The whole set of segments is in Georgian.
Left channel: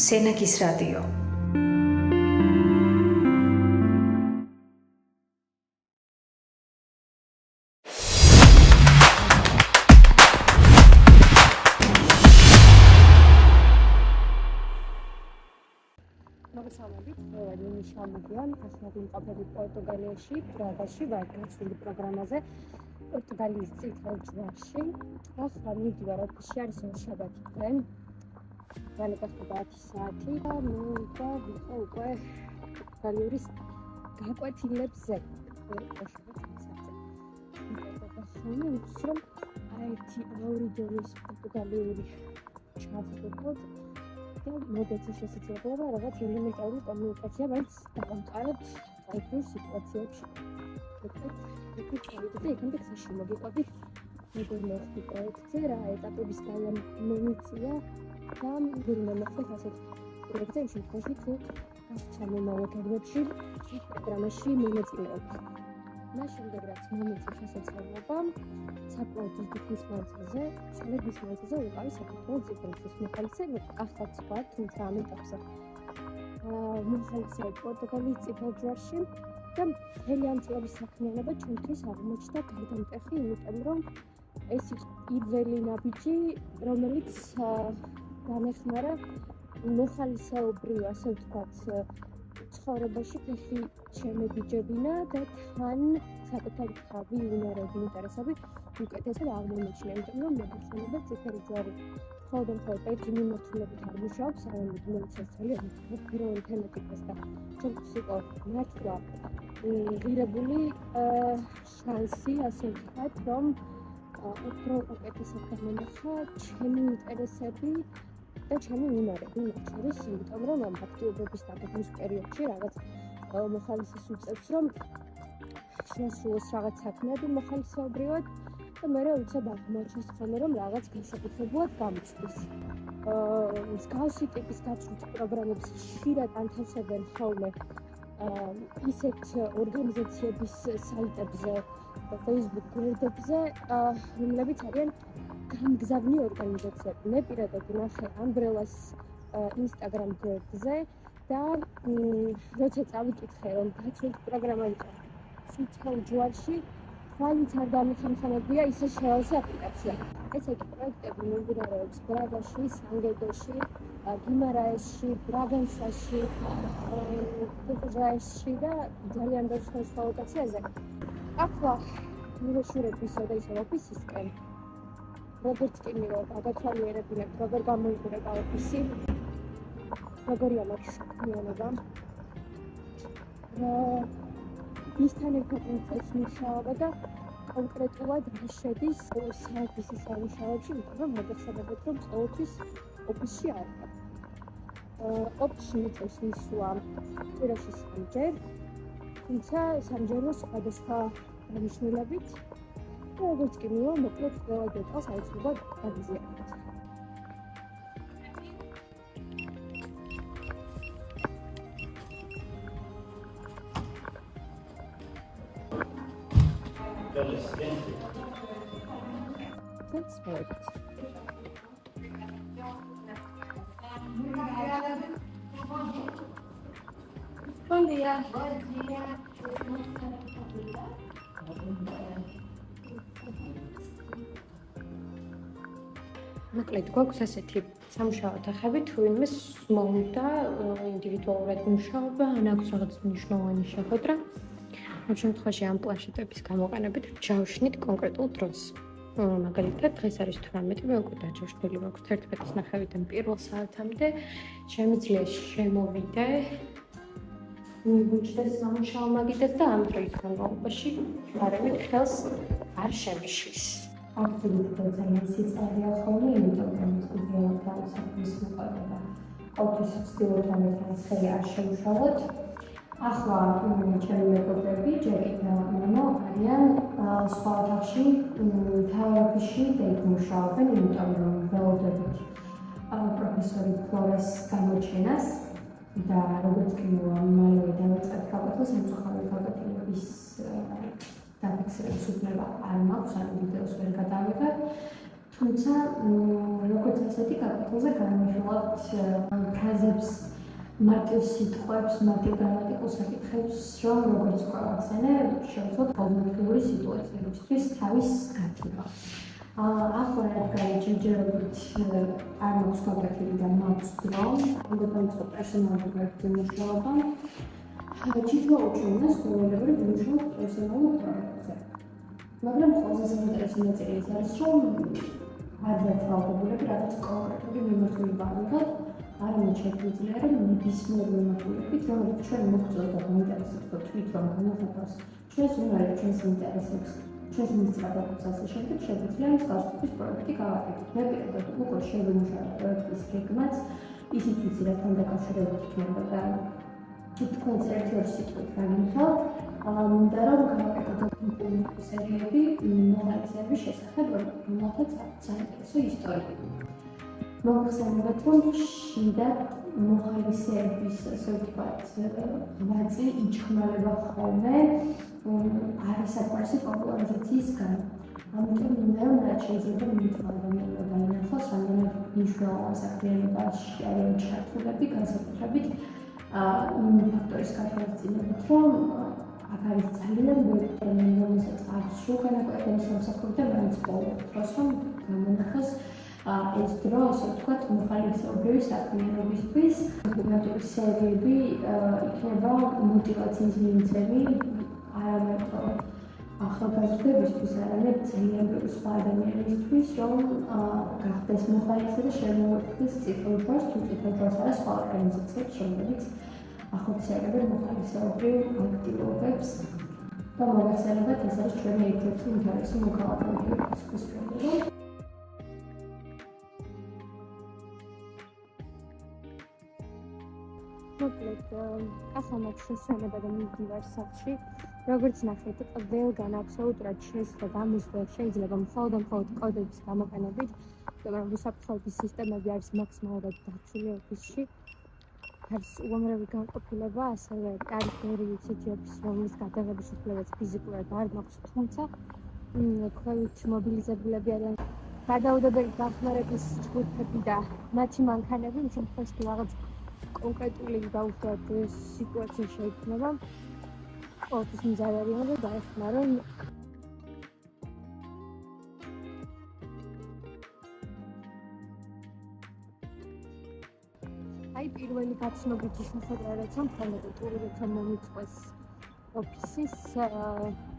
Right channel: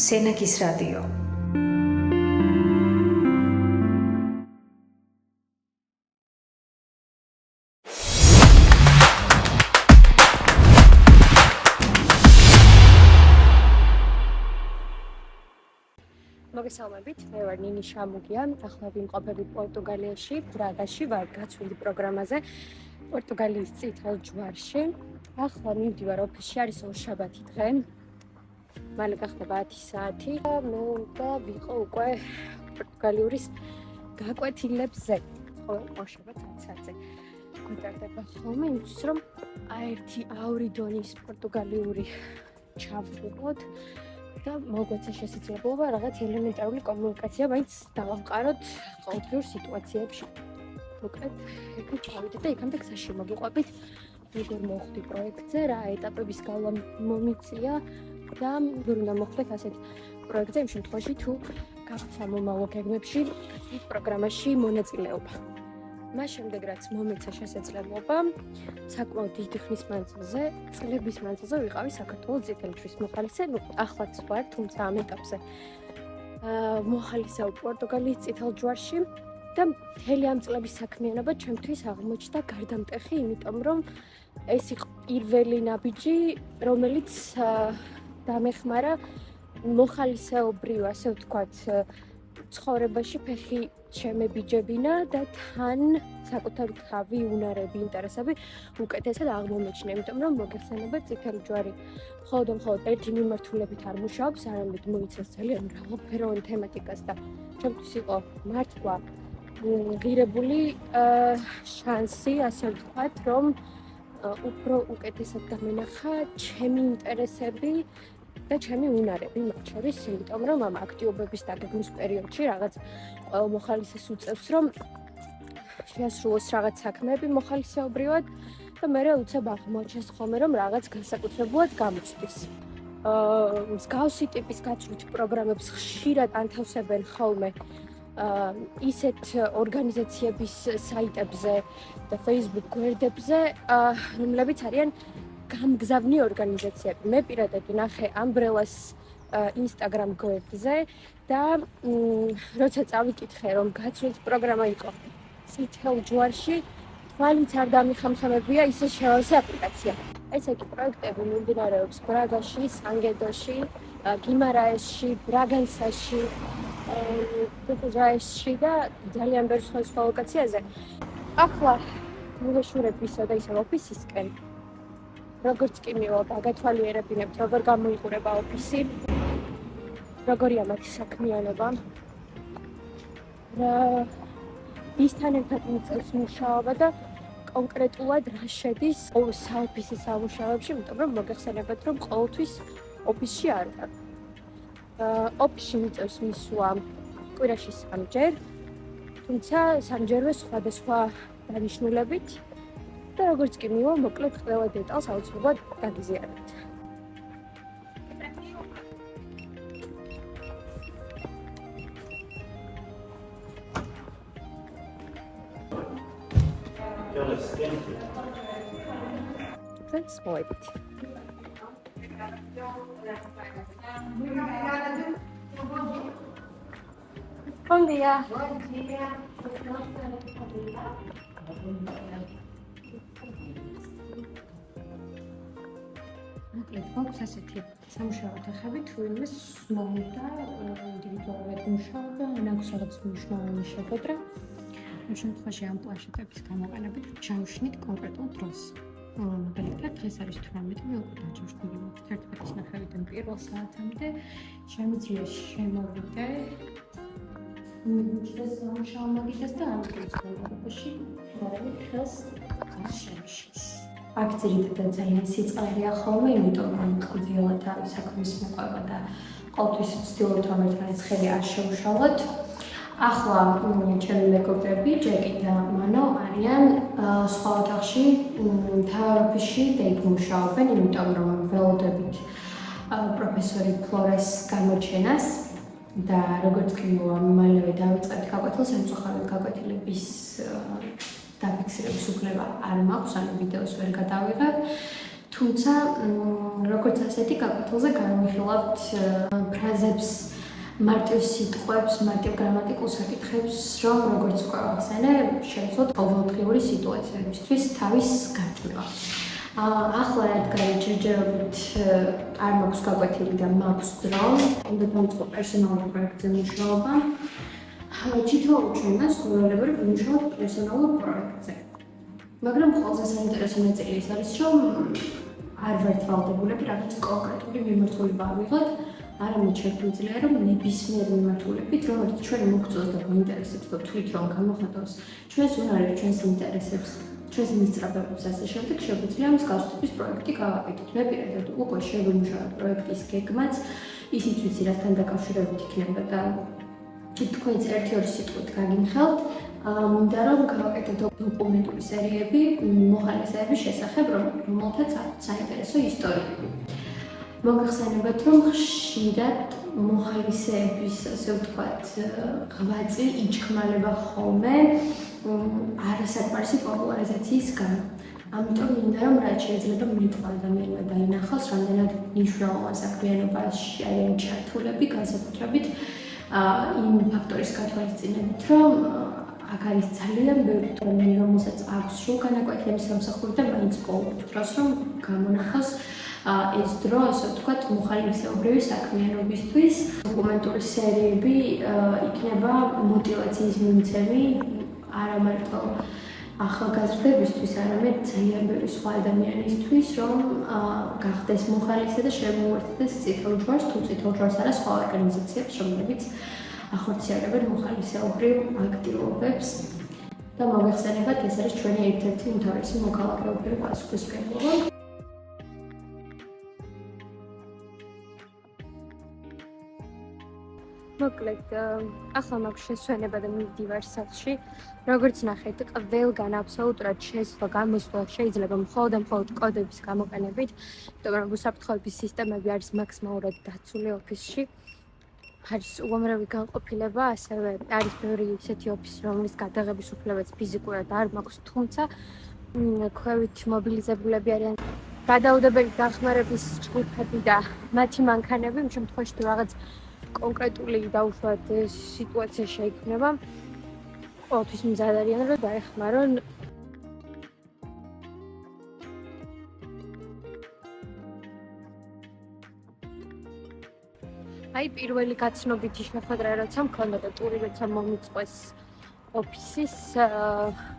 სენაკის რადიო. მოგესალმებით, მე ვარ ნინი შამუგია, ახლა ვიმყოფები პორტუგალიაში, ბრაგაში ვარ გაცვლილი პროგრამაზე, პორტუგალიის წითელ ჯვარში. ახლა მივდივარ ოფისში, არის ორშაბათი დღე. მალე გახდება 10 საათი და მე უნდა ვიყო უკვე პორტუგალიური გაკვეთილებზე. ორშაბათი 10 საათზე გვიტარდება ხოლმე, იმისთვის რომ ერთი აური დონის პორტუგალიური ჩავთვლოთ. და მოგვეცა შესაძლებლობა რაღაც ელემენტარული კომუნიკაცია მაინც დავამყაროთ ყოველდღიურ სიტუაციებში. მოკლედ, ჩავიდეთ და იქამდე გზაში მოგიყვებით, როგორ მოვხდი პროექტზე, რა ეტაპების გავლა მომიწია და როგორ უნდა მოხდეთ ასეთ პროექტზე იმ შემთხვევაში, თუ გაქვთ მომავალ გეგმებში ის პროგრამაში მონაწილეობა. მას შემდეგ რაც მომეცა შესაძლებლობა, საკმაოდ დიდი ხნის მანძილზე, წლების მანძილზე ვიყავი საქართველოს წითელი ჯვრის მოხალისე, ახლაც ვარ, თუმცა ამ ეტაპზე მოხალისეობ პორტუგალიის წითელ ჯვარში და მთელი ამ წლების საქმიანობა ჩემთვის აღმოჩნდა გარდამტეხი, იმიტომ რომ ეს იყო პირველი ნაბიჯი, რომელიც დამეხმარა მოხალისეობრივ, ასე ვთქვათ, ცხოვრებაში ფეხი შემებიჯებინა და თან საკუთარი თავი, უნარები, ინტერესები უკეთესად აღმომეჩნია, იმიტომ რომ მოგეხსენებათ, წითელი ჯვარი მხოლოდ ერთი მიმართულებით არ მუშაობს, არამედ მოიცავს ძალიან მრავალფეროვან თემატიკას და ჩემთვის იყო მართლა ღირებული შანსი, ასე ვთქვათ, რომ უფრო უკეთესად გამენახა ჩემი ინტერესები და ჩემი უნარები მათ შორის, იმიტომ რომ ამ აქტიობების დაგეგმვის პერიოდში რაღაც ყველა მოხალისეს უწევს, რომ შეასრულოს რაღაც საქმეები მოხალისეობრივად და მერე უცებ აღმოჩნდეს ხოლმე, რომ რაღაც განსაკუთრებულად გამოცდის. მსგავსი ტიპის გაცვლით პროგრამებს ხშირად ანთავსებენ ხოლმე ისეთ ორგანიზაციების საიტებზე და Facebook გვერდებზე, რომლებიც არიან გამგზავნი ორგანიზაციები. მე პირადად ვნახე Umbrellas Instagram გვერდზე და როცა წავიკითხე, რომ გაცვლის პროგრამა იყო წითელ ჯვარში, თვალიც არ დამიხამხამებია ისე შევავსე აპლიკაცია. ესე იგი, პროექტები მიმდინარეობს ბრაგაში, სანგედოში, გიმარაესში, ბრაგანსაში, პუჯაესში და ძალიან ბევრ სხვა ლოკაციაზე. ახლა მოვეშურებ ისევ და ისევ ოფისისკენ. როგორც კი მივალ გათვალიერებინებთ, როგორ გამოიყურება ოფისი, როგორია მათი საქმიანობა, ვისთან ერთად მიწევს მუშაობა და კონკრეტულად რა შედის საოფისე სამუშაოებში, იმიტომ რომ მოგეხსენებათ, რომ ყოველთვის ოფისში არ ვარ. ოფისში მიწევს მისვლა კვირაში 3 ჯერ, თუმცა სამჯერვე სხვადასხვა დანიშნულებით და როგორც კი მივალ, მოკლედ ყველა დეტალს აუცილებლად გაგიზიარებთ. That's right. Bom dia. მოკლედ გვაქვს ასეთი სამუშაო თახები, თუ ვინმეს მოუნდა ინდივიდუალურად მუშაობა, ან აქვს რაღაც მნიშვნელოვანი შეხვედრა. ამ შემთხვევაში ამ პლანშეტების გამოყენებით ჩავშნით კონკრეტულ დროს. მაგალითად, დღეს არის 18, მე უკვე დაჯავშნილი მაქვს 11:30-დან 1 საათამდე. შემიძლია შემოვიდე, მივუჩნდეს სამუშაო მაგიდას და ამ დროის განმავლობაში გარემით ხელს არ შემიშლის. აქ ძირითადად ძალიან სიწყარია ხოლმე, იმიტომ რომ კლდიალად არის საქმის მოყვება და ყოველთვის ვცდილობთ რომ ერთმანეთს ხელი არ შევშალოთ. ახლა ჩემი მეგობრები, ჯეკი და მანო არიან სხვა ოთახში, მთავარ ოფისში და იქ მუშაობენ, იმიტომ რომ ველოდებით პროფესორი ფლორეს გამოჩენას და როგორც კი მალევე დავიწყებთ გაკვეთილს, სამწუხაროდ გაკვეთილების დაფიქსირების უფლება არ მაქვს, ანუ ვიდეოს ვერ გადავიღებ. თუმცა როგორც ასეთი გაკვეთილზე განვიხილავთ ფრაზებს, მარტივ სიტყვებს, მარტივ გრამატიკულ საკითხებს, რომ როგორც უკვე ახსენე, შევძლოთ ყოველდღიური სიტუაციებისთვის თავის გარჩევა. ახლა რადგან ჯერჯერობით არ მაქვს გაკვეთილი და მაქვს დრო, უნდა დავიწყო პერსონალური პროექტზე მუშაობა. თითოეულ ჩვენგანს ყოველგვარი ვიმუშაობთ პერსონალურ პროექტზე. მაგრამ ყველაზე საინტერესო ნაწილი ის არის, რომ არ ვართ ვალდებულები რაღაც კონკრეტული მიმართულება ავიღოთ, არამედ შეგვიძლია, რომ ნებისმიერ მიმართულებით, რომელიც ჩვენი მოგწონს და გვაინტერესებს და თვით რომ გამოხატავს ჩვენს უნარებს, ჩვენს ინტერესებს, ჩვენს მისწრაფებებს, ასე შემდეგ, შეგვიძლია მის გასწვრივ პროექტი გავაკეთოთ. მე პირადად უკვე შევიმუშავე პროექტის გეგმაც, ისიც ვიცი, რასთან დაკავშირებით იქნება და თქვენც ერთი-ორი სიტყვით გაგიმხელთ. მინდა რომ გავაკეთოთ დოკუმენტური სერიები მოხალისეების შესახებ, რომელთაც აქვს საინტერესო ისტორია. მოგახსენებათ, რომ ხშირად მოხალისეების, ასე ვთქვათ, ღვაწლი იჩქმალება ხოლმე არასაკმარისი პოპულარიზაციის გამო. ამიტომ მინდა რომ რაც შეიძლება მეტმა ადამიანმა დაინახოს, რამდენად მნიშვნელოვან საქმიანობაში არიან ჩართულები, განსაკუთრებით იმ ფაქტორის გათვალისწინებით, რომ აქ არის ძალიან ბევრი ადამიანი, რომელსაც აქვს სრულ განაკვეთების სამსახური და მაინც ყოველ დროს რომ გამონახოს ეს დრო, ასე ვთქვათ, მოხალისეობრივი საქმიანობისთვის. დოკუმენტური სერიები იქნება მოტივაციის მიმცემი არა მარტო ახალგაზრდებისთვის, არამედ ძალიან ბევრი სხვა ადამიანისთვის, რომ გახდეს მოხალისე და შემოუერთდეს წითელ ჯვარს, თუ წითელ ჯვარს არა სხვა ორგანიზაციებს, რომლებიც ახორციელებენ მოხალისეობრივ აქტივობებს. და მოგეხსენებათ, ეს არის ჩვენი ერთ-ერთი უმთავრესი მოქალაქეობრივი პასუხისმგებლობა. მოკლედ, ახლა მაქვს შესვენება და მივდივარ სახლში. როგორც ნახეთ, ყველგან აბსოლუტურად შესვლა, გამოსვლა შეიძლება მხოლოდ და მხოლოდ კოდების გამოყენებით, იმიტომ რომ უსაფრთხოების სისტემები არის მაქსიმალურად დაცული ოფისში. არის უამრავი განყოფილება, ასევე არის ბევრი ისეთი ოფისი, რომლის გადაღების უფლებაც ფიზიკურად არ მაქვს, თუმცა ქვევით მობილიზებულები არიან გადაუდებელი დახმარების ჯგუფები და მათი მანქანები, იმ შემთხვევაში თუ რაღაც კონკრეტული დაუშვათ სიტუაცია შეიქმნება, ყოველთვის მზად არიან, რომ დაეხმარონ. აი პირველი გაცნობითი შეხვედრა როცა მქონდა და ტური როცა მომიწყვეს ოფისის,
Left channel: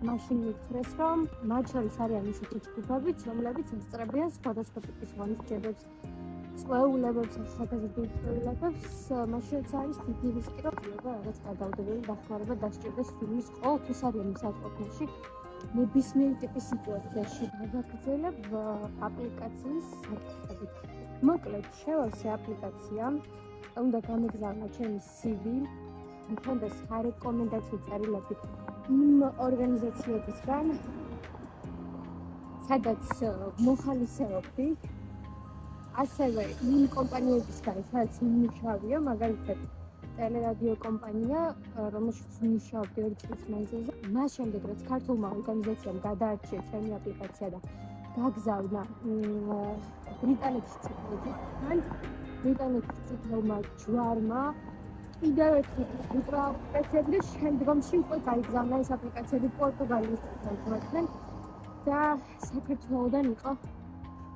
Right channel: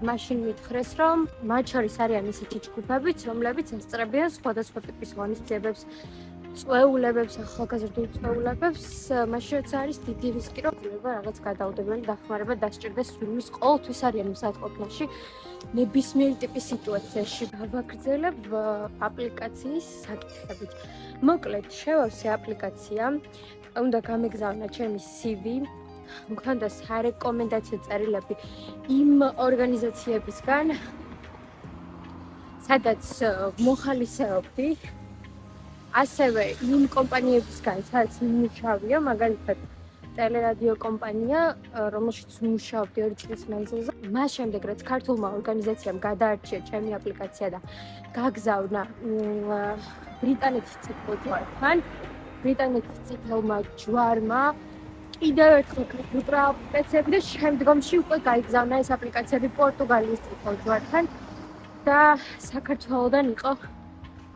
მაშინ მითხრეს, რომ მათ შორის არიან ისეთი ჯგუფებიც, რომლებიც ესწრებიან სხვადასხვა ტიპის ღონისძიებებს, წვეულებებს, ახალგაზრდულ წვეულებებს, მაშინ როცა არის დიდი რისკი, რომ რაღაც გადაუდებელი დახმარება დასჭირდეს ვინმის, ყოველთვის არიან მზად ყოფნაში ნებისმიერი ტიპის სიტუაციაში. გავაგრძელებ აპლიკაციის საკითხებით. მოკლედ, შევავსე აპლიკაცია, უნდა გამეგზავნა ჩემი CV, მქონდა სარეკომენდაციო წერილები იმ ორგანიზაციებისგან, სადაც მოხალისეობდი, ასევე იმ კომპანიებისგან, სადაც მიმუშავია, მაგალითად ტელერადიო კომპანია, რომელშიც ვმუშაობდი 2 წლის მანძილზე. მას შემდეგ, რაც ქართულმა ორგანიზაციამ გადაარჩია ჩემი აპლიკაცია და გაგზავნა ბრიტანეთის წითელ ჯვართან, ბრიტანეთის წითელმა ჯვარმა კიდევ ერთხელ გუკრა აპლიკაციები და შემდგომში უკვე გაიგზავნა ეს აპლიკაციები პორტუგალიის წითელ ჯვართან და საქართველოდან იყო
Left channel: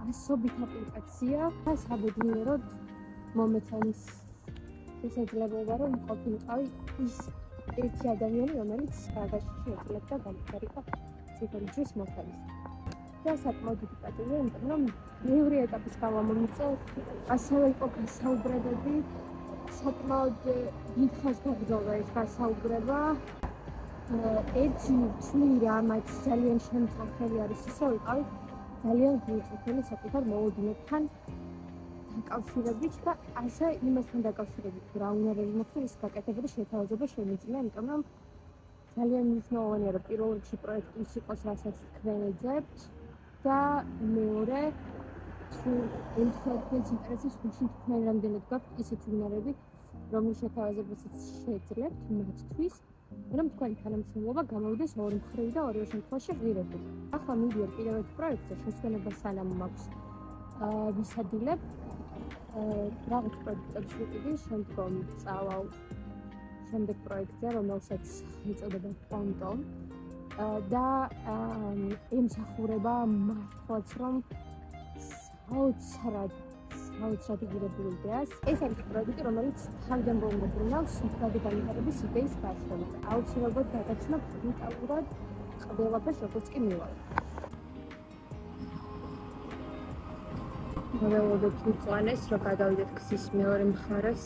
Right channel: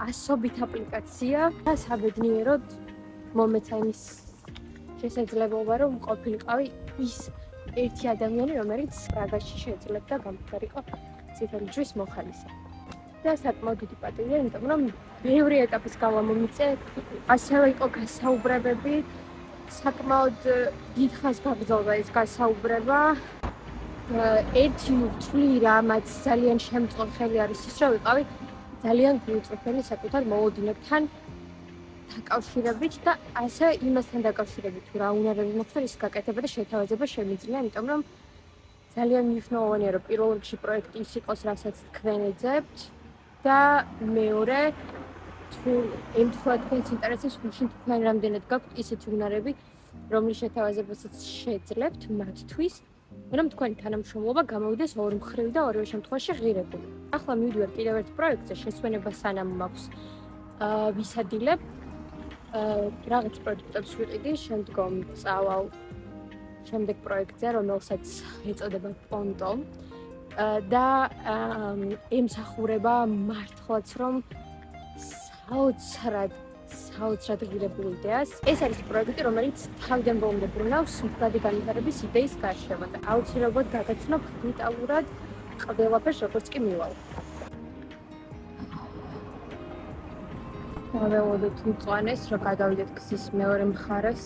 ასობით აპლიკაცია და საბედნიეროდ მომეცა იმის შესაძლებლობა, რომ ყოფილიყავი ის ერთი ადამიანი, რომელიც პრაღაში შეეძლებდა გამხდარიყო წითელი ჯვრის მოხალისე. და საკმაოდ დიდი პატივია, იმიტომ რომ ბევრი ეტაპის გავა მომიწე, ასევე იყო გასაუბრებები, საკმაოდ დიდ ხანს გაგრძელდა ეს გასაუბრება. ერთი ვთვლი რამაც ძალიან შემწყურ ხელი არის ის, რომ ვიყავი ძალიან გულწრფელი საკუთარ მოლოდინებთან დაკავშირებით და ასე იმასთან დაკავშირებით, თუ რა უნარები მოხდა ის გაკეთება და შეთავაზება შემიძლია, იმიტომ რომ ძალიან მნიშვნელოვანია, რომ პირველ რიგში პროექტი ის იყოს, რასაც თქვენ ეძებთ და მეორე, თუ ემთხვევა თქვენს ინტერესებს, მაშინ თქვენ რამდენად გაქვთ ისეთი უნარები, რომლის შეთავაზებასაც შეძლებთ მათთვის მაგრამ თქვენი თანამშრომლობა გამოვიდეს ორი მხრივ და ორივე შემთხვევაში ღირებული. ახლა მივიდივარ კიდევ ერთ პროექტზე, შესვენება სანამ მაქვს ვისადილებ რაღაც პროდუქტებს ვიყიდი, შემდგომ წავალ შემდეგ პროექტზე, რომელსაც ეწოდება პონტო და ემსახურება მართლაც რომ საოცრად ღირებულ იდეას. ეს არის პროექტი, რომელიც თავიდან ბოლომდე ბრუნავს მდგრადი განვითარების იდეის გარშემო და აუცილებლად გაგაცნობ დეტალურად ყველაფერს, როგორც კი მივალ. ველოდოთ მწვანეს, რომ გადავიდეთ გზის მეორე მხარეს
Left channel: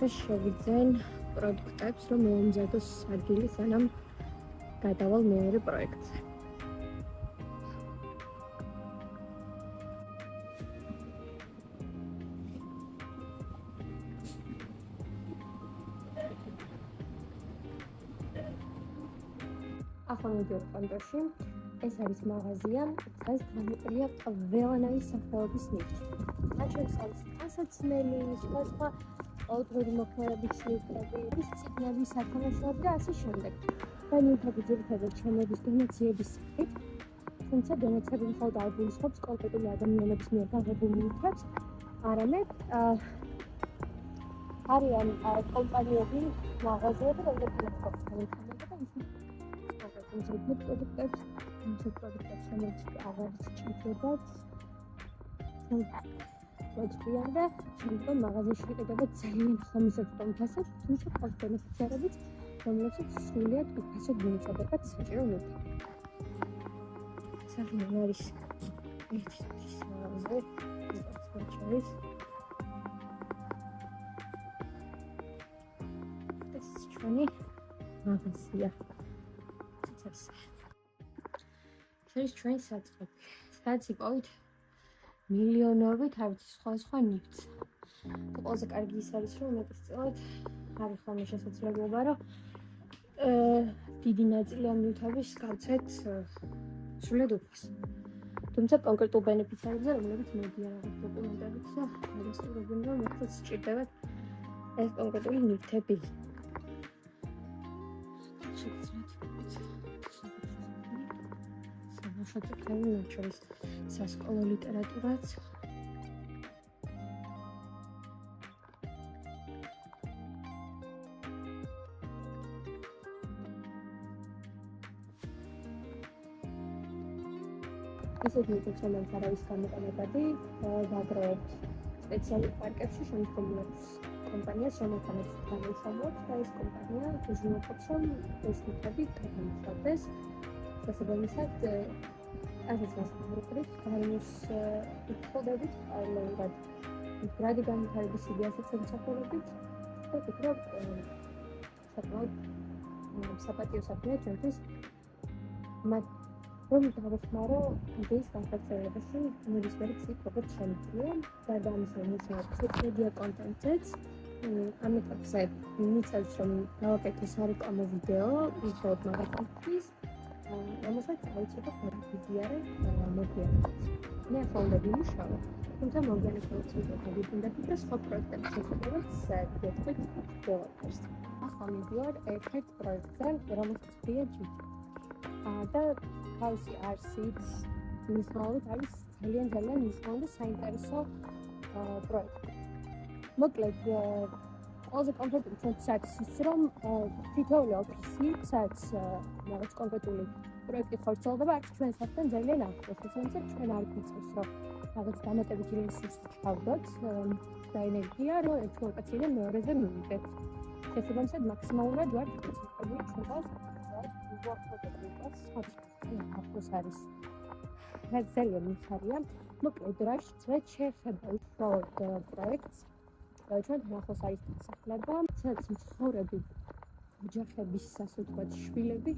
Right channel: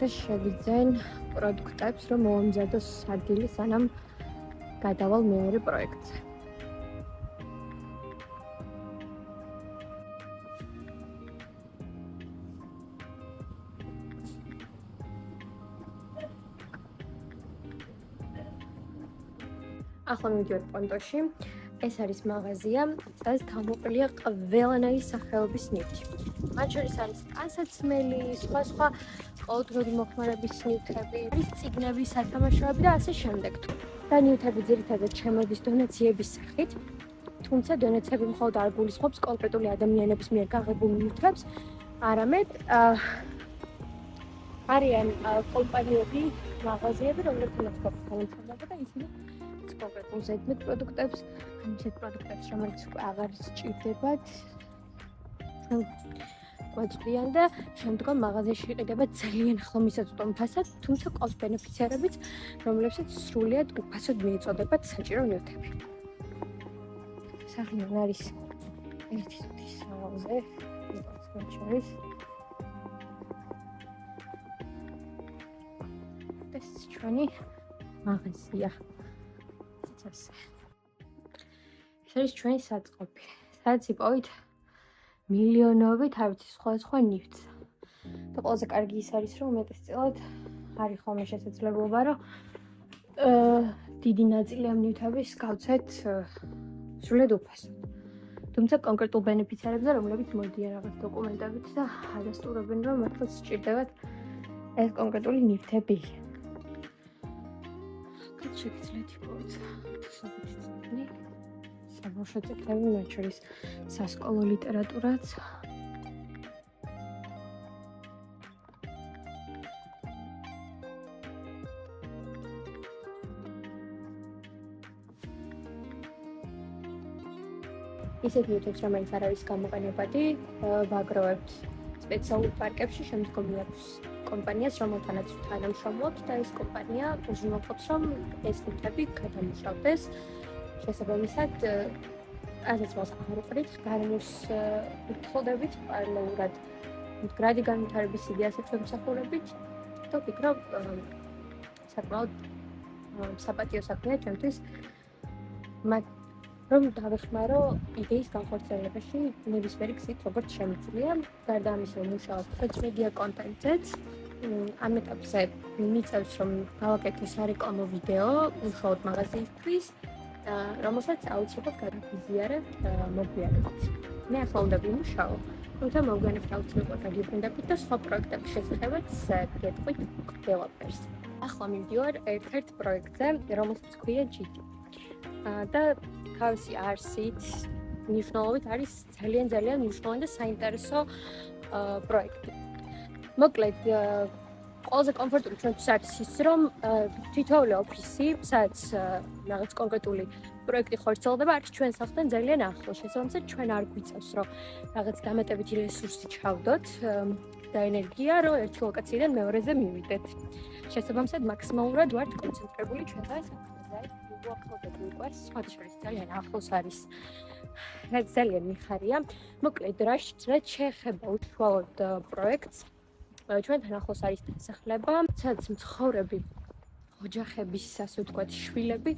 და შევიძენ პროდუქტებს, რომ მოამზადოს ადგილი, სანამ გადავალ მეორე პროექტზე. ახლა მივიდივარ პონტოში. ეს არის მაღაზია, სადაც გამოყენებულია ყველანაირი სახეობის ნივთი. მათ შორის არის ტანსაცმელი, სხვა ყოველდღიური მოხმარების ნივთები, წიგნები, სათამაშოები და ასე შემდეგ. და ნივთები ძირითადად შემოდის დონაციების სახით, თუმცა დონაციები მხოლოდ არ გულისხმობს კონკრეტული ადამიანების მიერ გაღებულ ნივთებს, არამედ არიან კომპანიები, მაღაზიები, რომლებიც გვაქვს განაცხადება და ისინი კონკრეტულ ზედმეტ პროდუქტებს, ისეთ პროდუქტებს, რომელიც აღარ სჭირდებათ, გვაწვდიან და შემდგომ მაღაზიაში იყიდება ძალიან ხლომისაწვდომ ფასად, თუმცა ყავს ბენეფიციარებიც, რომლებსაც სრულიად უფასოდ მიეწოდებათ საჭირო ნივთები. სახელი არის ერთი სუთის სავაზე, ეს ჩვენი მაღაზია. ეს არის ჩვენი საწყობი, სადაც იპოვით მილიონობით არ ვიცი სხვა ნივთს. და ყველაზე კარგი ის არის, რომ მეტწილად არის ხოლმე შესაძლებლობა, რომ დიდი ნაწილი ამ ნივთების გავცეთ სრულიად უფასოდ. თუმცა კონკრეტულ ბენეფიციარებზე, რომლებიც მოდიან რაღაც დოკუმენტებით და ადასტურებენ, რომ მართლაც სჭირდებათ ეს კონკრეტული ნივთები. შეგიძლიათ იპოვოთ საბავშვო წიგნები, მათ შორის სასკოლო ლიტერატურაც. ისეთ ნივთებს, რომელიც არ არის გამოყენებადი, ვაგროვებთ სპეციალურ პარკებში, შემდგომ აქვს კომპანიას, რომელთანაც თანამშრომლობთ და ეს კომპანია უზრუნველყოფს, რომ ეს ნივთები გადამუშავდეს. შესაბამისად, ასეც მოსახერხებით, გარემოს უხდებით პარალელურად მდგრადი განვითარების იდეასაც ვემსახურებით და ვფიქრობ, საკმაოდ საპატიო საქმეა ჩემთვის, რომ დავეხმარო იდეის განხორციელებაში ნებისმიერი გზით, როგორც შემიძლია. გარდა ამისა, ვმუშაობ სოციალურ კონტენტზეც. ამ ეტაპზე მიწევს, რომ გავაკეთო სარეკლამო ვიდეო უშუალოდ მაღაზიისთვის, რომელსაც აუცილებლად გადავიზიარებ მოგვიანებით. მე ახლა უნდა ვიმუშაო, თუმცა მოგვიანებით აუცილებლად გადავიფენდებით და სხვა პროექტების შესახებაც გეტყვით ყველაფერს. ახლა მივდივარ ერთ-ერთ პროექტზე, რომელსაც ქვია GT. და თავისი არსით მნიშვნელობით არის ძალიან მნიშვნელოვანი და საინტერესო პროექტი. მოკლედ, ყველაზე კომფორტული ჩვენთვის არის ის, რომ თითოეული ოფისი, სადაც რაღაც კონკრეტული პროექტი ხორციელდება, არის ჩვენ სახლთან ძალიან ახლოს. შესაბამისად, ჩვენ არ გვიწევს, რომ რაღაც დამატებითი რესურსი ჩავდოთ და ენერგია, რომ ერთი ლოკაციიდან მეორეზე მივიდეთ. შესაბამისად, მაქსიმალურად ვართ კონცენტრირებული ჩვენთან სხვა შორის ძალიან ახლოს არის. რაც ძალიან მიხარია. მოკლედ, რაც შეეხება უშუალოდ პროექტს, ჩვენთან ახლოს არის დასახლება, სადაც მცხოვრები ოჯახების, ასე ვთქვათ, შვილები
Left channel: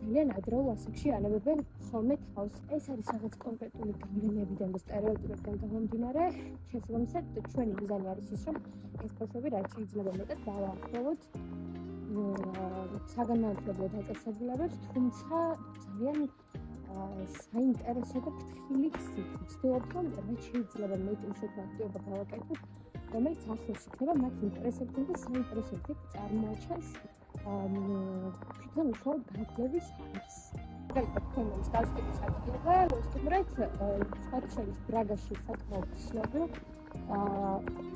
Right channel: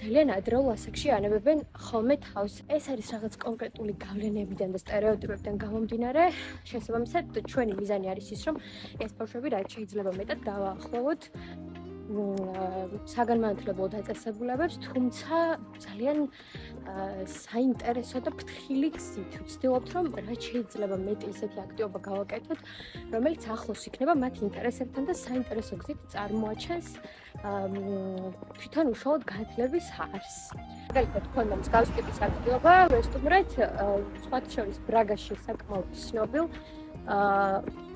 ძალიან ადრეულ ასაკში ანებებენ ხოლმე თავს. ეს არის რაღაც კონკრეტული გავლენებიდან და სტერეოტიპებიდან გამომდინარე. შესაბამისად, ჩვენი მიზანი არის ის, რომ ეს ბავშვები რაც შეიძლება მეტად დავაახლოვოთ საგანმანათლებლო დაწესებულებებს, თუმცა ძალიან საინტერესო და ფრთხილი გზით ვცდილობთ, რომ რაც შეიძლება მეტი ისეთი აქტივობა გავაკეთოთ, რომელიც ახლოს იქნება მათ ინტერესებთან და საინტერესო გზით წარმოაჩენს თვითონ უშუალოდ განათლების არსს. მაგალითად, თქვენდა მსგავს ტიპის აქტივობა, ვესტუმრეთ, სხვათა შორის ბრაგაში საკმაოდ ცნობილ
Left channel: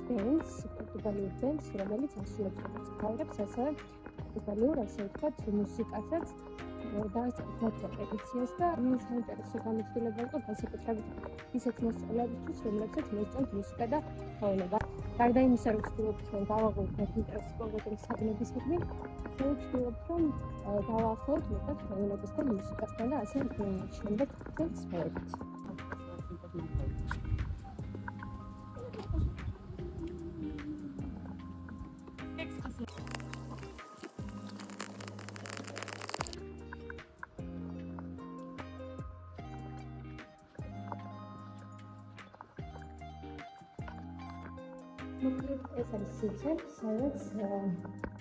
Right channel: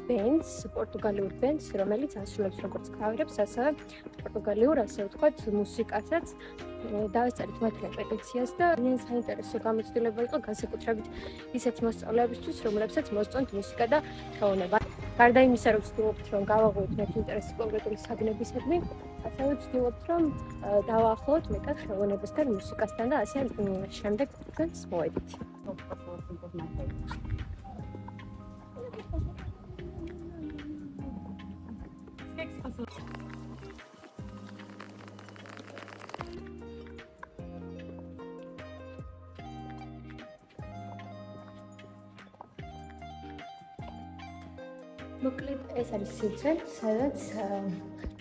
ბენდს, პორტუგალიურ ბენდს, რომელიც ასრულებს როგორც კავერებს, ასევე პორტუგალიურ, ასე ვთქვათ, მუსიკასაც. დავეწერეთ მათ რეპეტიციას და ძალიან საინტერესო გამოცდილება იყო განსაკუთრებით ისეთ მოსწავლეებისთვის, რომლებსაც მოსწონთ მუსიკა და ხელოვნება. გარდა იმისა, რომ ვცდილობთ, რომ გავაღვივოთ მათ ინტერესი კონკრეტული საგნებისადმი, ასევე ვცდილობთ, რომ დავაახლოვოთ მეტად ხელოვნებასთან, მუსიკასთან და ასე შემდეგ ჩვენს მოედით. მოკლედ ეს არის სივრცე, სადაც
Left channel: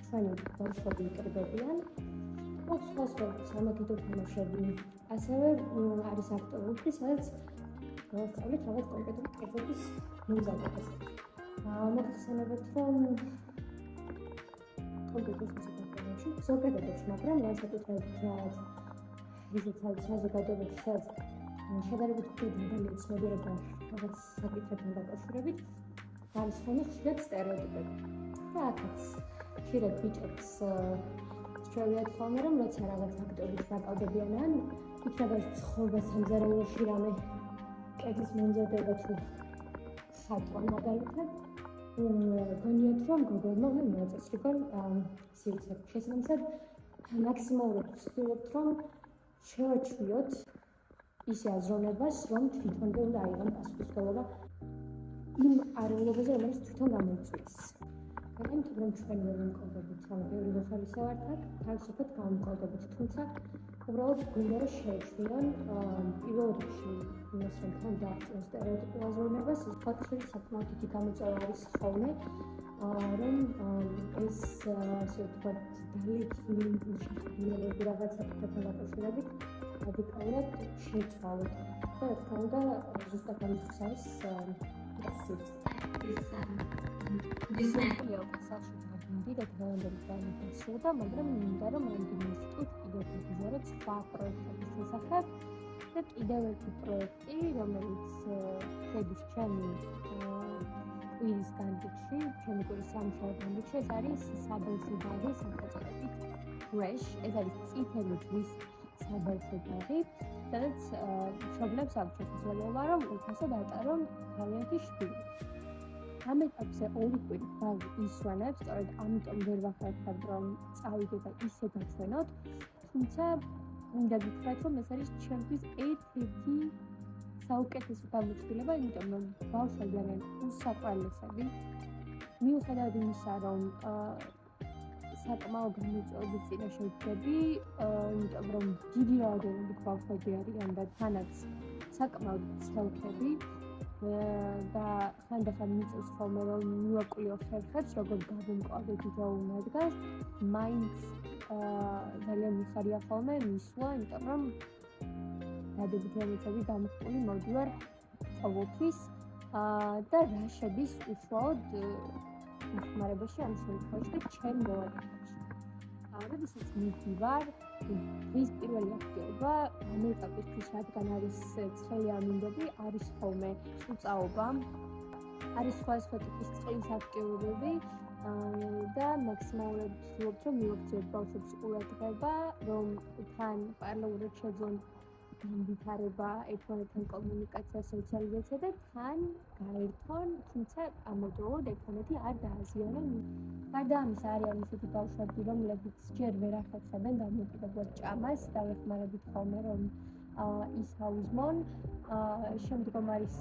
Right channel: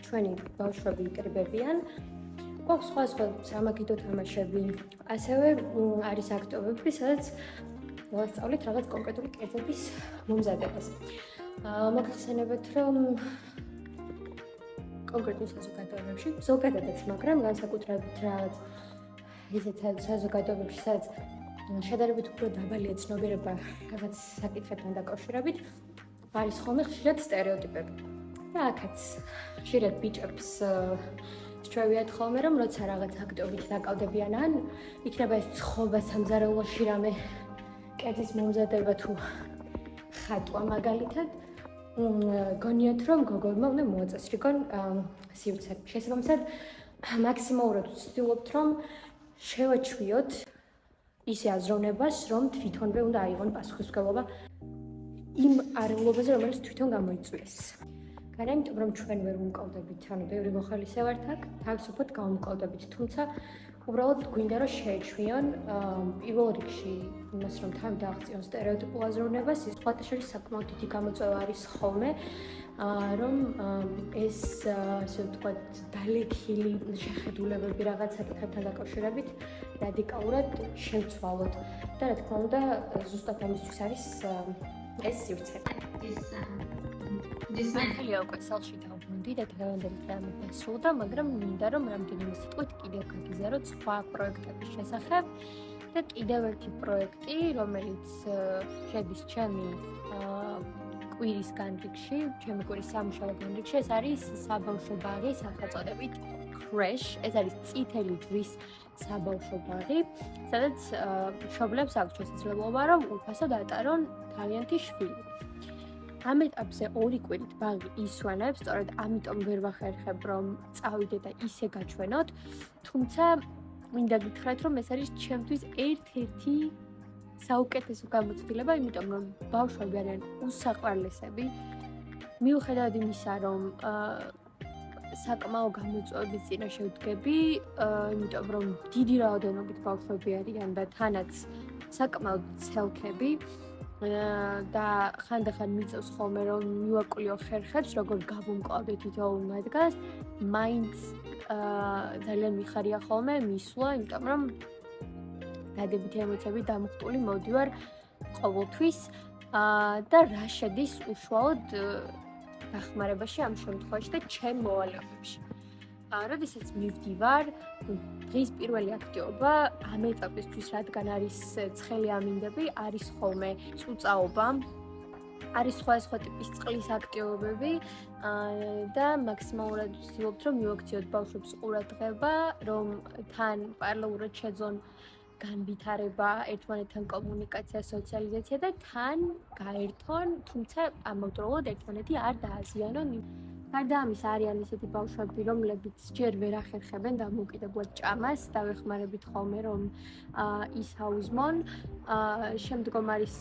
ჩვენი ბავშვები იკრიბებიან. გვაქვს სხვა სამაგიდო თამაშები, ასევე არის აქტივობები, სადაც ვასწავლით რაღაც კონკრეტული კერძების მომზადებას. მოგხსენებათ, რომ კონკრეტულ საზოგადოებებში, ზოგადადაც, მაგრამ განსაკუთრებით რაღაც ისეთ საზოგადოებებში, სადაც შედარებით უფრო დაბალია ცნობიერება რაღაც საკითხებთან დაკავშირებით, არის ხოლმე ხშირად სტერეოტიპები. და აქაც ხშირად ბიჭებს სჩვევიათ ხოლმე, რომ როცა რაღაც აქტიობით დაკავდებიან, ან იქნება ეს ცხოვა სამზარეულოში რამე კერძის მომზადება თუ ხატვა მაგალითად, გონიათ, რომ გოგოებმა უნდა მოაწესრიგონ სივრცე. შესაბამისად, მაქსიმალურად ვცდილობთ, რომ შევაჩვიოთ ისე აზროვნებას, რომ თვითონვე უნდა აიღონ პასუხისმგებლობა იმ არეულობაზე, რომელიც თვითონ გამოიწვიეს. არა იმიტომ, რომ ჩვენ ვერ ვიმკოლდებით, ანუ ბევრი მოხალისე ვართ აქ, თავისუფლად გავიმკოლდებით, თუმცა უბრალოდ გვინდა რომ შეეჩვიონ პირველ რიგში იმას, რომ თან დააღწიონ სტერეოტიპულ აზროვნებას, ის სხვათა შორის საკმაოდ დიდი გამოწვევა არის ხოლმე, რომ ეს ასე ვთქვათ, დალექილი შეხედულებები რაღაც საკითხებთან დაკავშირებით რადიკალურად შევცვალოთ. და რა თქმა უნდა, ზუსტად ამისთვის არის ეს სივრცე. მართალია უკვე სახლში დავბრუნდი და დღევანდელი პროგრამა დასრულდა, მაგრამ მინდა რომ რამდენიმე სიტყვით კიდევ გაგიზარდოთ სხვა პროექტების შესახებ და კიდევ ერთი პროექტი, რომელიც შედის ჩემი კვირის განრიგში, ჩემი კვირის სამუშაო განრიგში, ეს არის საბავშვო ბაღი სახელწოდებით Crash, ეს არის წითელი ჯვრის საბავშვო ბაღი, სადაც მშობლებს აქვს შესაძლებლობა, რომ უფასოდ ატარონ თავიანთი შვილი. ამ ეტაპზე 2 კვირით ბაღი ისვენებს, სწორედ ამიტომ ვერ ვახერხებ, რომ წავიდე და ისე გაჩვენოთ, თუმცა მინდა გითხრათ, რომ ეს არის ჩემთვის ერთ-ერთი საუკეთესო გამოცდილება, იმიტომ რომ ბავშვები არიან უსაყვარლესები. მიუხედავად იმისა, რომ საკმაო გამოწვევების წინაშე ვდგები, იმიტომ რომ დიდი რაოდენობით ბავშვები არიან და თანაც საკმაოდ ცელქები და ხანდახან მიწევს ხოლმე რომ მივაკვლიო ხერხებს, როგორ გავუმკლავდე თითოეულ მათგანს, მაინც ძალიან მიხარია ხოლმე მისვლა, იმიტომ რომ დადებითი ემოციები დამხტული მოდივარ ყოველთვის და რა შედის უშუალოდ დახმარებაში ამ შემთხვევაში და ჩემ მოვალეობებში. როდესაც მივდივარ, დღის პირველი აქტივობა ამ ეტაპისთვის, რადგან არის ცხელი ამინდები, არის ხოლმე წუწაობა, არის სხვა ტიპის წყლის აქტივობები და მაქსიმალურად ვცდილობთ, რომ მივაქციოთ ბავშვებს ყურადღება, რომ თან პარალელურად შეძონ განვითარება, ერთმანეთთან კომუნიკაცია, სოციალიზაცია და თან გაერთონ, თუმცა ამავდროულად ერთმანეთი არ დააზიანონ. გარდა ამისა, არიან ისეთი ბავშვები, რომლებიც ჯერ ვერ ახერხებენ დამოუკიდებლად ჭამას, დავეხმარებით ხოლმე, რომ ის აუზმონ. შემდგომ არის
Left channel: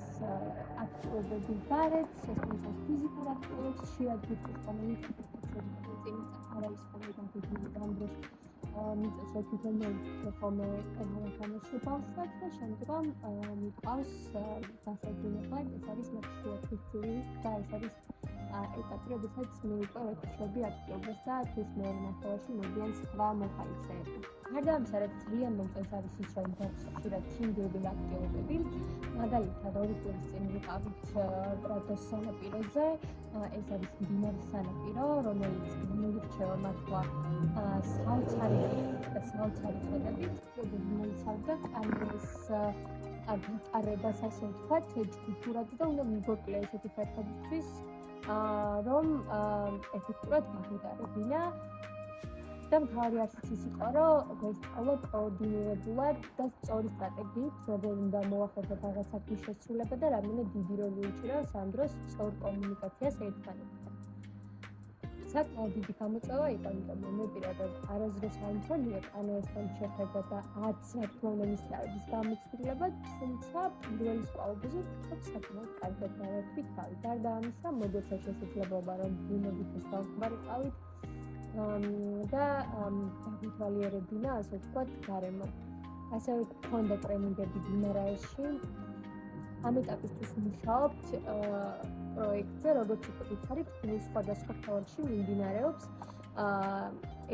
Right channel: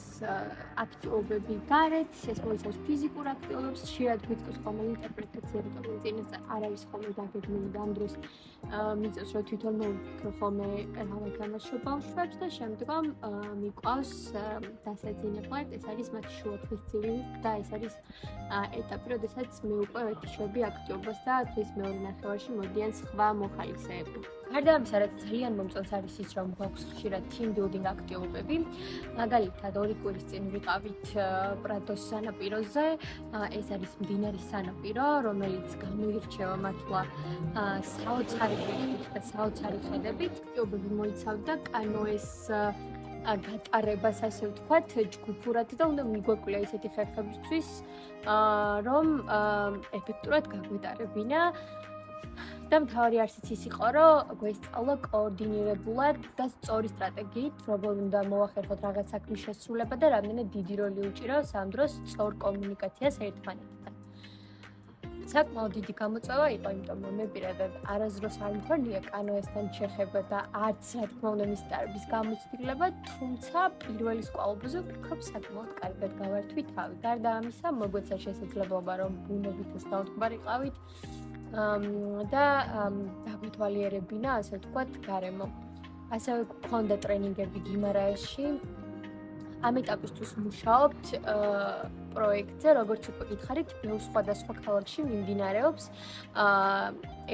აქტივობები გარეთ, ეს მოიცავს ფიზიკურ აქტივობებს, ხშირად გვიწევს ხოლმე ინტერპრეტაცია, რომელიც წინასწარ არ არის ხოლმე დაგეგმილი და ამ დროს მიწევს, რომ თვითონ მოვიფიქრო ხოლმე რა ვეთამაშო, ბავშვებს და შემდგომ მიყვავს დასაძინებლად, ეს არის მათი შუათვისწილი და ეს არის ეტაპი, როდესაც მე უკვე ვეთიშვები აქტიობას და თვის მეორე ნახევარში მოდიან სხვა მოხალისეები. გარდა ამისა, რაც ძალიან მომწონს არის ის, რომ გვაქვს ხშირად team building აქტივობები. მაგალითად, 2 კვირის წინ ვიყავით პრადოს სანაპიროზე. ეს არის მდინარის სანაპირო, რომელიც გამოირჩევა მართლა საოცარი ვიხით და საოცარი ხედებით. აქტივობები მოიცავდა კანოეს გატარებას, ასე ვთქვათ, ჯგუფურად და უნდა მიგვაკვირა ისეთი ხერხებისთვის, რომ ეფექტურად გაგვეტარებინა. და მთავარი არსიც ის იყო, რომ გვესწავლა კოორდინირებულად და სწორი სტრატეგიით, როგორ უნდა მოახერხოთ რაღაც საქმის შესრულება და რამდენად დიდი როლი უჭირავს ამ დროს სწორ კომუნიკაციას ერთმანეთთან. საკმაოდ დიდი გამოწვევა იყო, იმიტომ რომ მე პირადად არასდროს არ მქონია კანოესთან შეხება და არც რა თქმა უნდა მის დარბის გამოცდილება, თუმცა პირველი სკვალობაზე ვფიქრობ საკმაოდ კარგად გავართვი თავი. გარდა ამისა, მოგვეცა შესაძლებლობა რომ ბუნებითაც დავთვალიყავით და დაგვეთვალიერებინა, ასე ვთქვათ, გარემო. ასევე გვქონდა ტრენინგები გიმარაეში. ამ ეტაპისთვის მუშაობთ პროექტზე, როგორც უკვე გითხარით, ბევრ სხვადასხვა ქალაქში მიმდინარეობს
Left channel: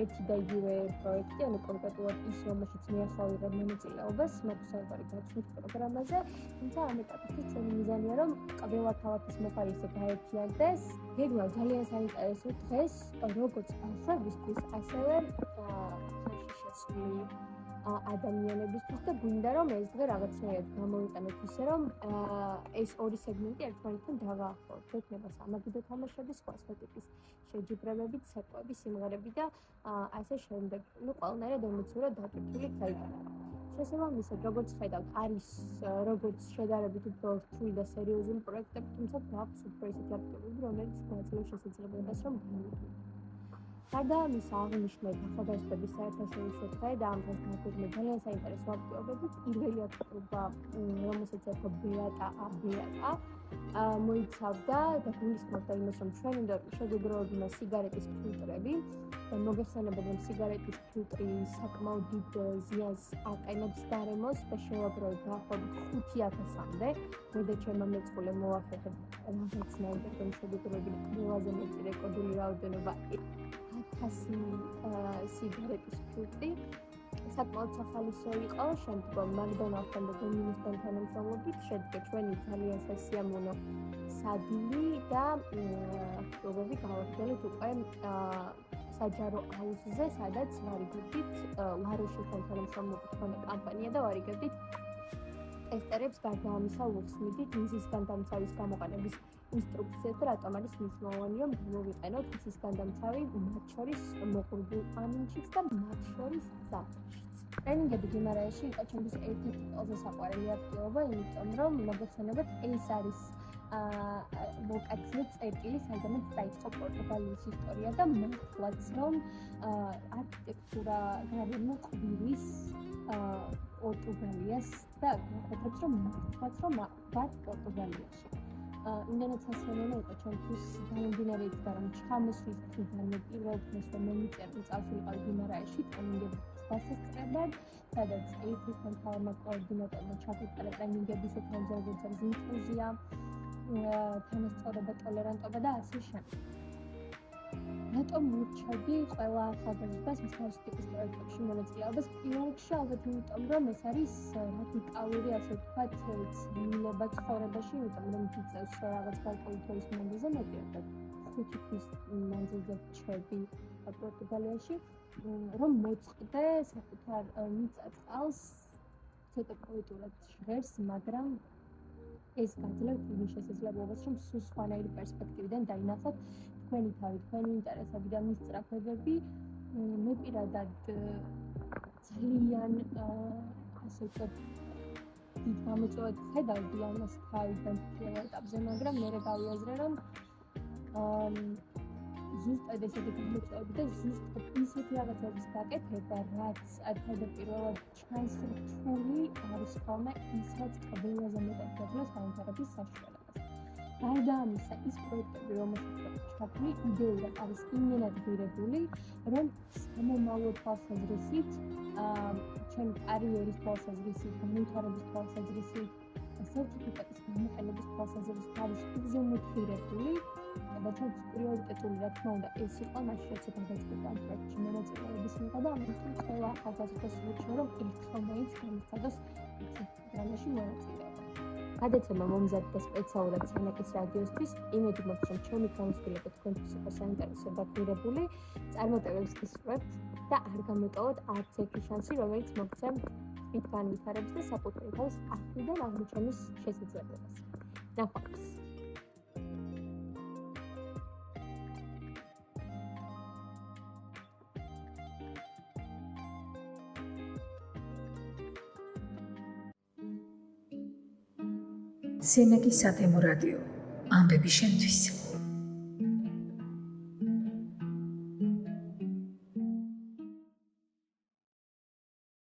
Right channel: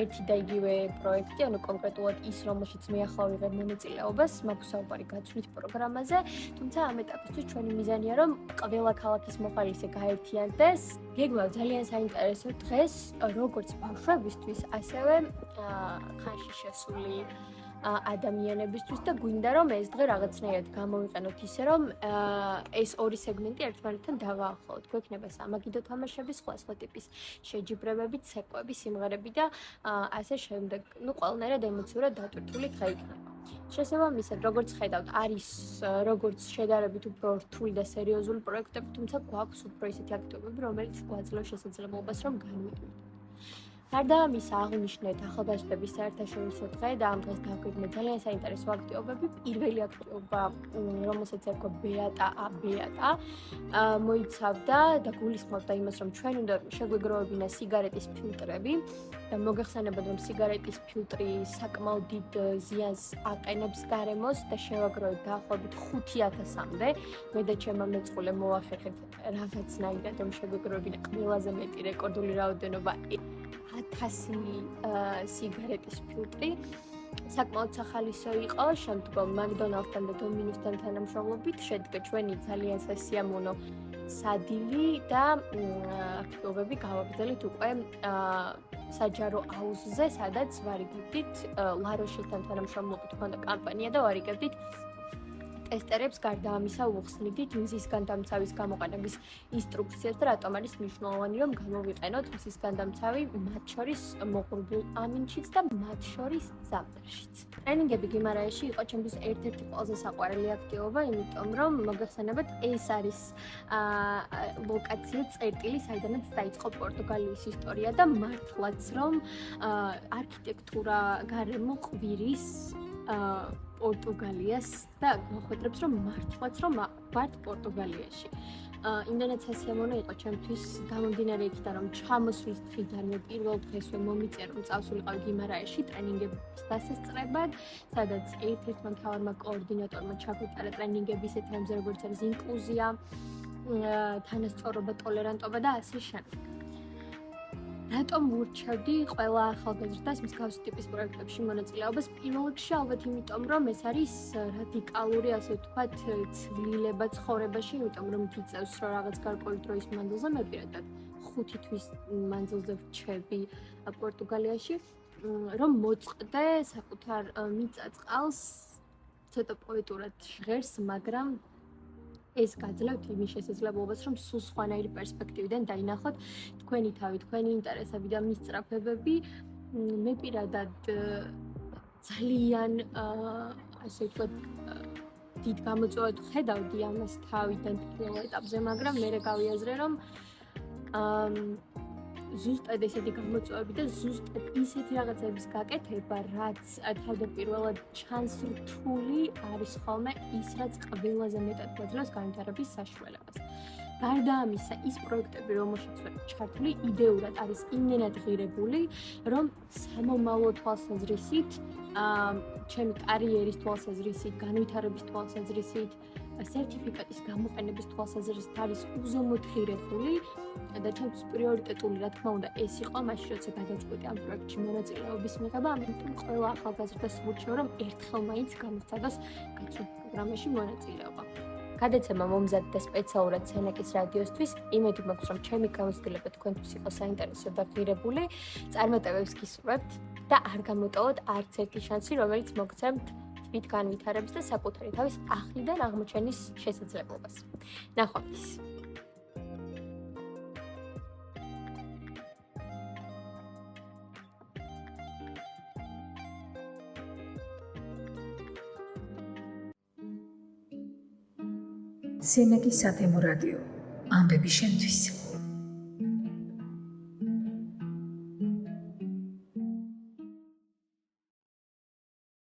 ერთი და იგივე პროექტი, ანუ კონკრეტულად ის, რომელშიც მე ახლა ვიღებ მონაწილეობას, მაქვს საუბარი გაცვლით პროგრამაზე, თუმცა ამ ეტაპისთვის ჩვენი მიზანია, რომ ყველა ქალაქის მოხალისე გაერთიანდეს. გეგმავ ძალიან საინტერესო დღეს, როგორც ბავშვებისთვის, ასევე ხანში შესული ადამიანებისთვის და გვინდა რომ ეს დღე რაღაცნაირად გამოვიყენოთ ისე რომ ეს ორი სეგმენტი ერთმანეთთან დავაახლოვოთ. გვექნება სამაგიდო თამაშები, სხვა ტიპის შეჯიბრებები, ცეკვები, სიმღერები და ასე შემდეგ. ნუ ყველანაირად ემოციურად დატვირთული დღე იქნება. შესაბამისად, როგორც ხედავთ, არის როგორც შედარებით უფრო რთული და სერიოზული პროექტები, თუმცა გვაქვს უფრო ისეთი აქტივობები, რომელიც გვაძლევს შესაძლებლობას რომ განვეტყვით. გარდა ამისა, აღვნიშნეთ ახალგაზრდების საერთაშორისო დღე და ამ დღეს გავგეგმეთ ძალიან საინტერესო აქტივობები. პირველი აქტივობა, რომელსაც ერქვა ბეატა, მოიცავდა და გულისხმობდა იმას, რომ ჩვენ უნდა შეგვეგროვებინა სიგარეტის ფილტრები. მოგეხსენებათ, რომ სიგარეტის ფილტრი საკმაოდ დიდ ზიანს აყენებს გარემოს და შევაგროვეთ დაახლოებით 5000-მდე. მე და ჩემმა მეწყვილე მოახერხეთ რაღაცნაირად, რომ შეგვეგროვებინა ყველაზე მეტი რეკორდული რაოდენობა 1000 სიგარეტის ფილტრი. საკმაოდ სახალისო იყო, შემდგომ მაკდონალდსთან და დომინოსთან თანამშრომლობით შედგა ჩვენი ძალიან სასიამოვნო სადილი და აქტივობები გავაგრძელებთ უკვე საჯარო აუზზე, სადაც ვარიგებდით ლაროშისთან თანამშრომლობით ჰქონდა კამპანია და ვარიგებდით ტესტერებს. გარდა ამისა, უხსნიდით მზის განდამცავის გამოყენების ინსტრუქციას და რატომ არის მნიშვნელოვანი რომ გამოვიყენოთ მზის განდამცავი მათ შორის მოღრუბლ ამინჩიც და მათ შორის ზამთარშიც. ტრენინგები გიმარაეში იყო ჩემთვის ერთ-ერთი ყველაზე საყვარელი აქტივობა, იმიტომ რომ მოგეხსენებათ, ეს არის ლოკაცია წერტილი, საიდანაც დაიწყო პორტუგალიის ისტორია და მართლაც რომ არქიტექტურა გარემო ყვირის პორტუგალიას და მოხვედრებს რომ მართლაც რომ ვართ პორტუგალიაში. იმდენად სასიამოვნო იყო ჩემთვის გამომდინარე იქიდან რომ ჩამოსვლის დღიდანვე პირველ დღესვე მომიწია რომ წავსულიყავ გიმარაეში ტრენინგების დასასწრებად, სადაც ერთ-ერთმა მთავარმა კოორდინატორმა ჩაგვიტარა ტრენინგები ისეთი რამზე როგორც არის ინკლუზია, თანასწორობა, ტოლერანტობა და ასე შემდეგ. რატომ ვურჩევდი ყველა ახალგაზრდას მსგავსი ტიპის პროექტებში მონაწილეობას? პირველ რიგში ალბათ იმიტომ, რომ ეს არის რადიკალური, ასე ვთქვათ, ცვლილება ცხოვრებაში, იმიტომ რომ გიწევს რომ რაღაც გარკვეული დროის მანძილზე, მე პირადად 5 თვის მანძილზე ვრჩები პორტუგალიაში, რომ მოწყდე საკუთარ მიწა-წყალს, ცოტა პოეტურად ჟღერს, მაგრამ ეს გაძლევთ იმის შესაძლებლობას, რომ სულ სხვანაირი პერსპექტივიდან დაინახოთ თქვენი თავი, თქვენი ინტერესები და მისწრაფებები. მე პირადად ძალიან ასე ვთქვათ, დიდ გამოწვევად ხედავდი ამას თავიდან პირველ ეტაპზე, მაგრამ მე გავიაზრე, რომ ზუსტად ესეთი გამოწვევები და ზუსტად ისეთი რაღაცების გაკეთება, რაც თავდაპირველად ჩანს რთული, არის ხოლმე ის, რაც ყველაზე მეტად გვაძლევს განვითარების საშუალებას. გარდა ამისა, ის პროექტები, რომელშიც ვარ ჩართული, იდეურად არის იმდენად ღირებული, რომ სამომავლო თვალსაზრისით, ჩემი კარიერის თვალსაზრისით, განვითარების თვალსაზრისით, სერტიფიკატის გამოყენების თვალსაზრისით არის უზომოდ ღირებული და ჩემთვის პრიორიტეტული, რა თქმა უნდა, ეს იყო მაშინ, როცა გადაწყვიტე ამ პროექტში მონაწილეობის მიღება, ამიტომ ყველა ახალგაზრდას ვურჩევ, რომ ერთხელ მაინც გამოსცადოს კაცრულ პროგრამაში მონაწილეობა. გადაცემა მომზადდა სპეციალურად სენაკის რადიოსთვის, იმედი მაქვს, რომ ჩემი გამოცდილება თქვენთვის იყო საინტერესო და ღირებული, წარმატებებს გისურვებთ და არ გამოტოვოთ არც ერთი შანსი, რომელიც მოგცემთ თვით განვითარების და საკუთარი თავის ახლიდან აღმოჩენის შესაძლებლობას. ნახვამდის. სენაკის სათემო რადიო, ამბები შენთვის.